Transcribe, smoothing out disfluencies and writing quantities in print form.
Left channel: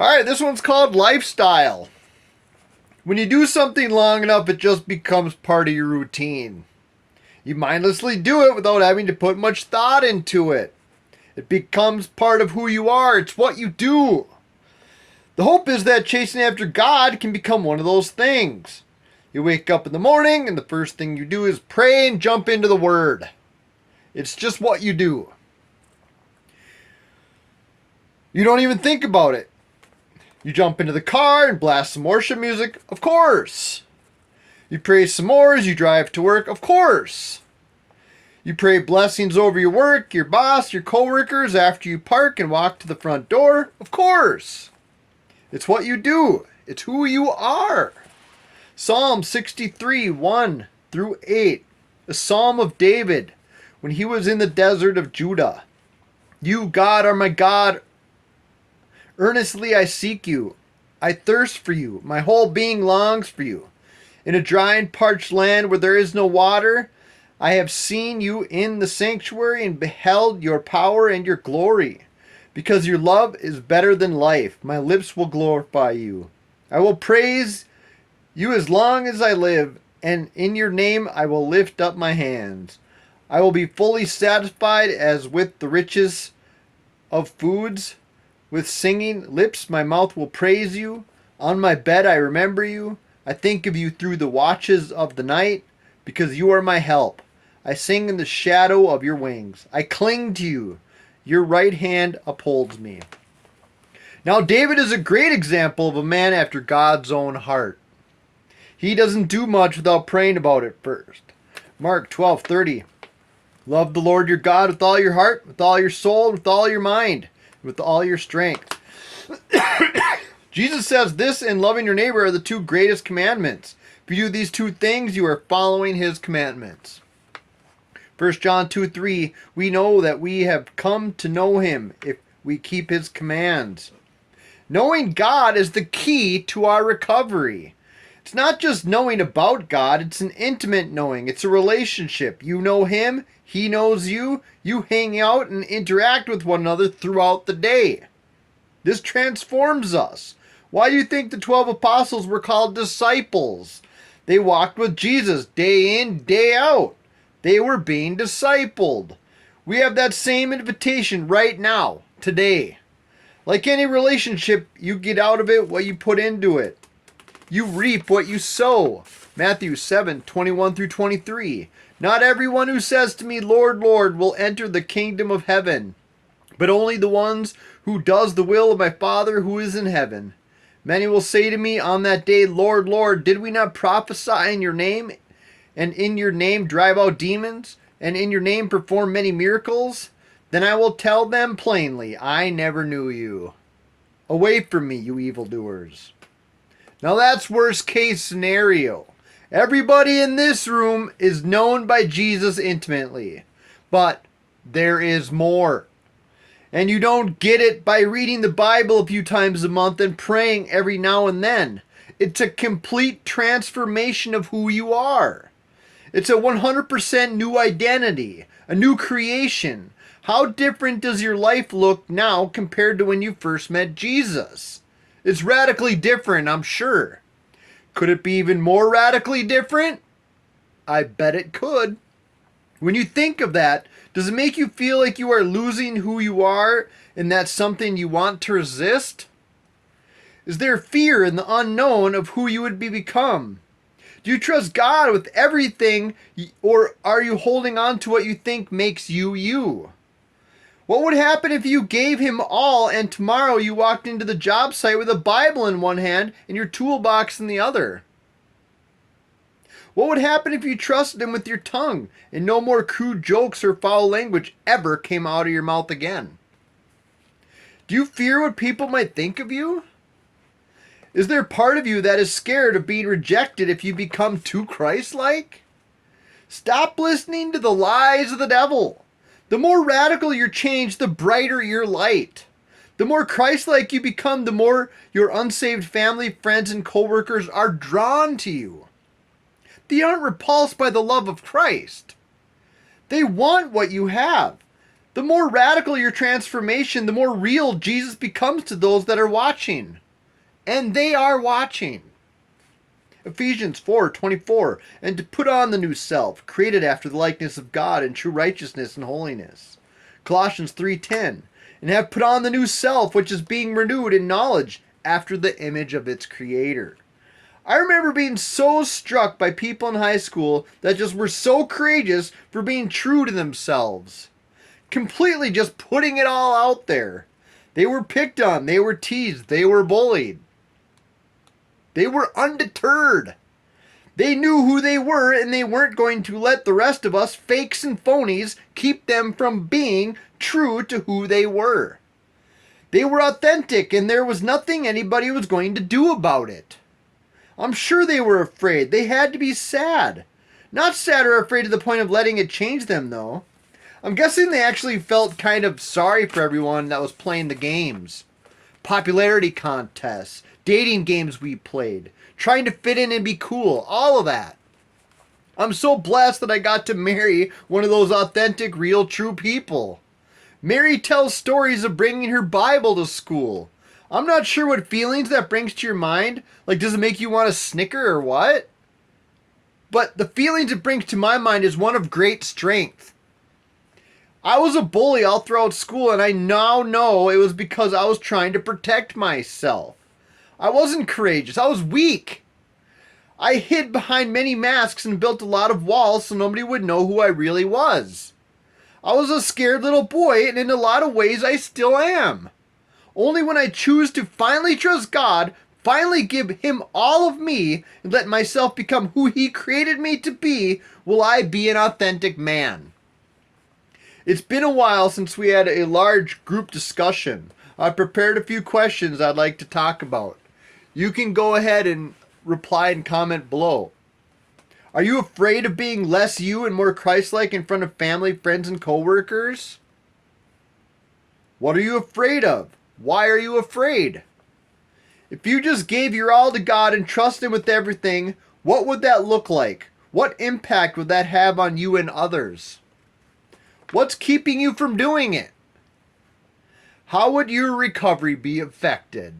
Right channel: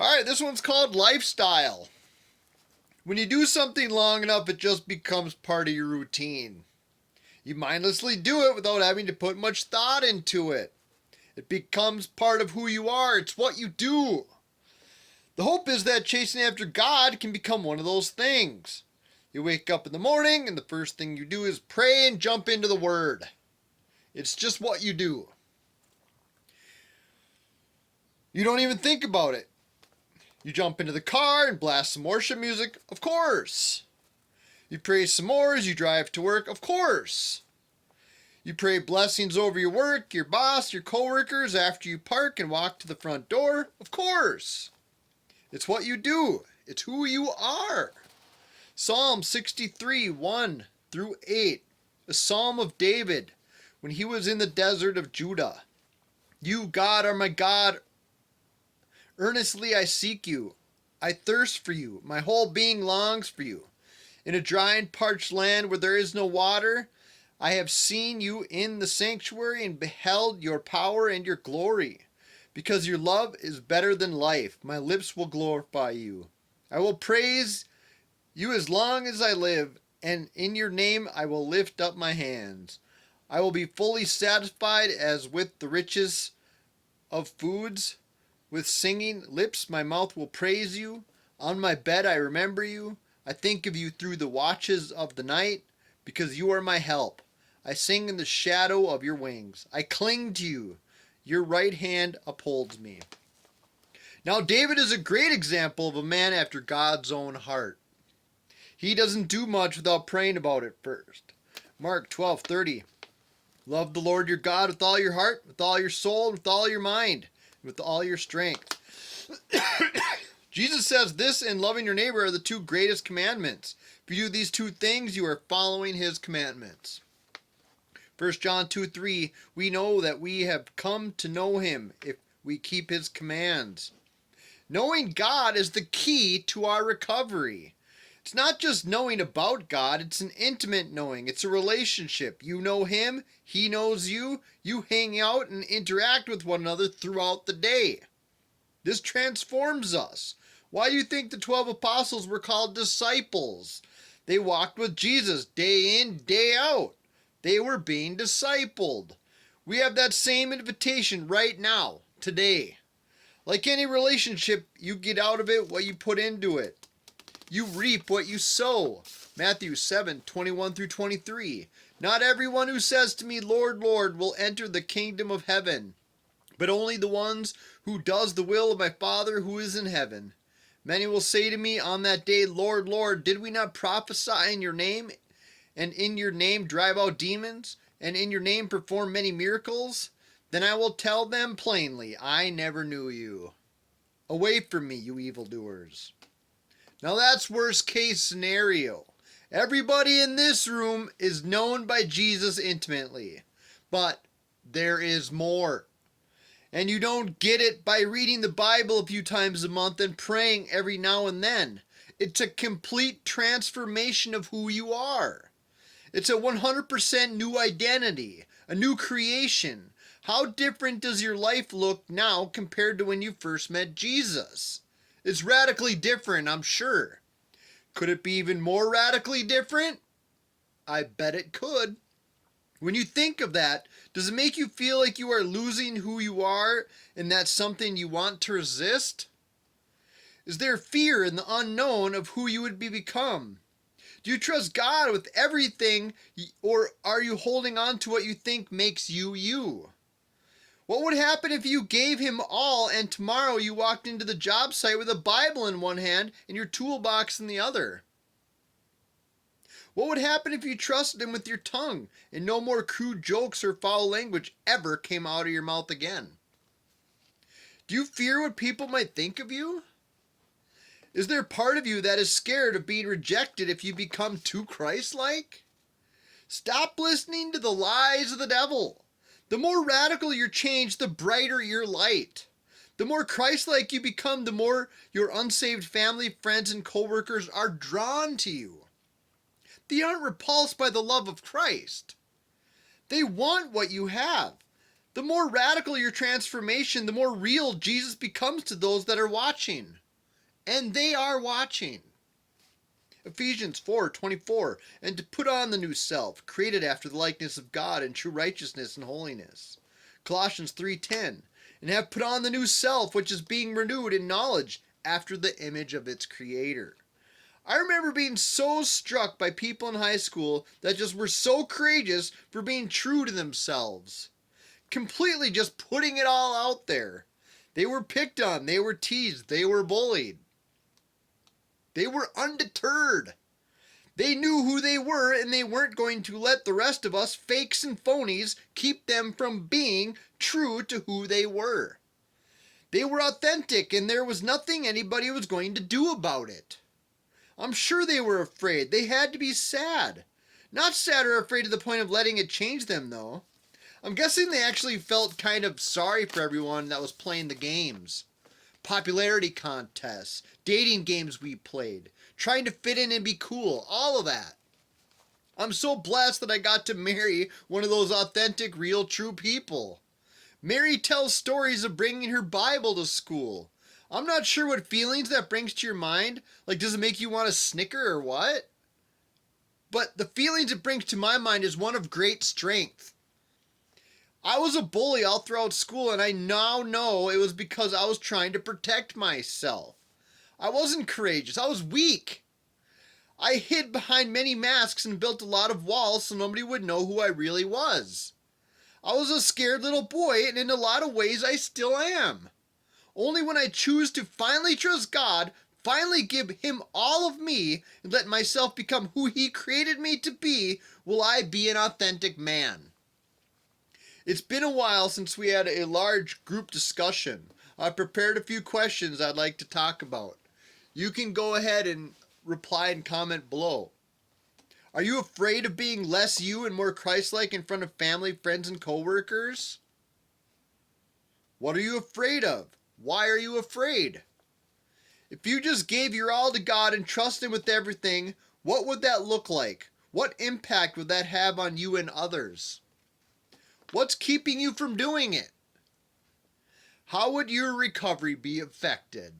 All right, this one's called lifestyle. When you do something long enough, it just becomes part of your routine. You mindlessly do it without having to put much thought into it. It becomes part of who you are. It's what you do. The hope is that chasing after God can become one of those things. You wake up in the morning and the first thing you do is pray and jump into the Word. It's just what you do. You don't even think about it. You jump into the car and blast some worship music, of course. You pray some more as you drive to work, of course. You pray blessings over your work, your boss, your coworkers after you park and walk to the front door, of course. It's what you do. It's who you are. Psalm 63, 1 through 8. A psalm of David when he was in the desert of Judah. You, God, are my God. Earnestly I seek you. I thirst for you. My whole being longs for you. In a dry and parched land where there is no water, I have seen you in the sanctuary and beheld your power and your glory. Because your love is better than life, my lips will glorify you. I will praise you as long as I live, and in your name I will lift up my hands. I will be fully satisfied as with the riches of foods. With singing lips my mouth will praise you. On my bed I remember you. I think of you through the watches of the night, because you are my help. I sing in the shadow of your wings. I cling to you. Your right hand upholds me. Now David is a great example of a man after God's own heart. He doesn't do much without praying about it first. Mark 12:30. Love the Lord your God with all your heart, with all your soul, with all your mind, with all your strength. Jesus says this and loving your neighbor are the two greatest commandments. If you do these two things, you are following his commandments. 1 John 2:3, we know that we have come to know him if we keep his commands. Knowing God is the key to our recovery. It's not just knowing about God, it's an intimate knowing. It's a relationship. You know him, he knows you, you hang out and interact with one another throughout the day. This transforms us. Why do you think the 12 apostles were called disciples? They walked with Jesus day in, day out. They were being discipled. We have that same invitation right now, today. Like any relationship, you get out of it what you put into it. You reap what you sow. Matthew 7:21 through 23. Not everyone who says to me, Lord, Lord, will enter the kingdom of heaven, but only the ones who does the will of my Father who is in heaven. Many will say to me on that day, Lord, Lord, did we not prophesy in your name, and in your name drive out demons, and in your name perform many miracles? Then I will tell them plainly, I never knew you. Away from me, you evildoers. Now that's worst case scenario. Everybody in this room is known by Jesus intimately. But there is more. And you don't get it by reading the Bible a few times a month and praying every now and then. It's a complete transformation of who you are. It's a 100% new identity, a new creation. How different does your life look now compared to when you first met Jesus? It's radically different, I'm sure. Could it be even more radically different? I bet it could. When you think of that, does it make you feel like you are losing who you are and that's something you want to resist? Is there fear in the unknown of who you would become? Do you trust God with everything, or are you holding on to what you think makes you you? What would happen if you gave him all and tomorrow you walked into the job site with a Bible in one hand and your toolbox in the other? What would happen if you trusted him with your tongue and no more crude jokes or foul language ever came out of your mouth again? Do you fear what people might think of you? Is there part of you that is scared of being rejected if you become too Christ-like? Stop listening to the lies of the devil. The more radical your change, the brighter your light. The more Christ-like you become, the more your unsaved family, friends, and coworkers are drawn to you. They aren't repulsed by the love of Christ. They want what you have. The more radical your transformation, the more real Jesus becomes to those that are watching. And they are watching. Ephesians 4:24, and to put on the new self, created after the likeness of God in true righteousness and holiness. Colossians 3:10, and have put on the new self, which is being renewed in knowledge after the image of its creator. I remember being so struck by people in high school that just were so courageous for being true to themselves. Completely just putting it all out there. They were picked on, they were teased, they were bullied. They were undeterred. They knew who they were, and they weren't going to let the rest of us fakes and phonies keep them from being true to who they were. They were authentic, and there was nothing anybody was going to do about it. I'm sure they were afraid. They had to be sad. Not sad or afraid to the point of letting it change them, though. I'm guessing they actually felt kind of sorry for everyone that was playing the games. Popularity contests, dating games we played, trying to fit in and be cool, all of that. I'm so blessed that I got to marry one of those authentic, real, true people. Mary tells stories of bringing her Bible to school. I'm not sure what feelings that brings to your mind. Like, does it make you want to snicker or what? But the feelings it brings to my mind is one of great strength. I was a bully all throughout school, and I now know it was because I was trying to protect myself. I wasn't courageous. I was weak. I hid behind many masks and built a lot of walls so nobody would know who I really was. I was a scared little boy, and in a lot of ways I still am. Only when I choose to finally trust God, finally give Him all of me, and let myself become who He created me to be, will I be an authentic man. It's been a while since we had a large group discussion. I prepared a few questions I'd like to talk about. You can go ahead and reply and comment below. Are you afraid of being less you and more Christ-like in front of family, friends, and coworkers? What are you afraid of? Why are you afraid? If you just gave your all to God and trust Him with everything, what would that look like? What impact would that have on you and others? What's keeping you from doing it? How would your recovery be affected?